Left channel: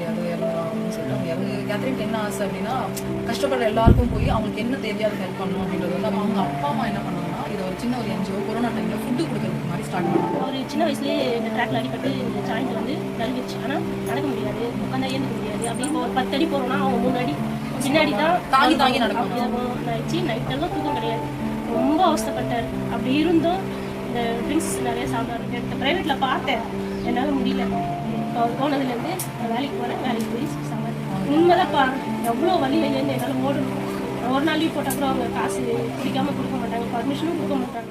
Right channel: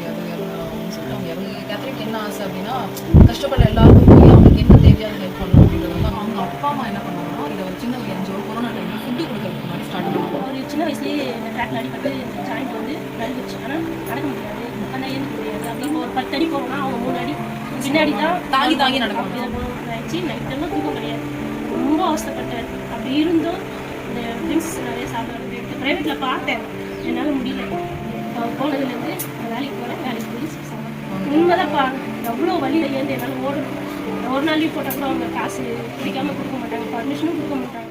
முடியாது அப்படின்னு சொல்லிட்டு அவங்க இறந்து. கேத்ரின் என்ன ஆசை அப்படின்னா கஷ்டப்படுற எல்லாருக்கும் போய் அவங்களுக்கு என்ன தேவையான ஹெல்ப் பண்ணணும் அப்படின்றது வந்து அவங்க அப்பா அம்மா என்ன பண்ணாங்கன்னா இதை ஒரு சின்ன ஒரு என்ஜிஓ கொரோனா டைமில் ஃபுட்டு கொடுக்கறதுக்கு மாதிரி ஸ்டார்ட் பண்ணுவாங்க. ஒரு சின்ன வயசுலேயே இந்த ட்ராக்ல அடிப்பட்டு இந்த ஜாயிண்ட் வந்து நழுவிடுச்சு. ஆனால் நடக்க முடியாது, உட்காந்தா ஏந்துக்க முடியாது. அப்படி இப்போ ஒரு 10 அடி போகிறோம்னா அவங்க 3 அடி பின்னாடி தான் தாங்கி தாங்கி நடக்கும். ஆயிடுச்சு. நைட்டெல்லாம் தூக்கம் கிடையாது, ரொம்ப அவஸ்தைப்பட்டார். அப்படி இருந்தும் இந்த ட்ரிங்க்ஸ் நிறைய சாப்பிடாரு. ப்ரைவேட்டில் பார்த்தேன், என்னால் முடியல. இப்போ அவர் போனதுலேருந்து நான் வேலைக்கு போகிறேன், வேலைக்கு போய் சாப்பிட்றேன். உண்மைதான்ப்பா, எவ்வளோ வழியிலேருந்து என்னால் ஓடணும். ஒரு நாள் லீவ் போட்டால் கூட அவங்க காசு பிடிக்காமல் கொடுக்க மாட்டாங்க, பர்மிஷனும் கொடுக்க மாட்டாங்க.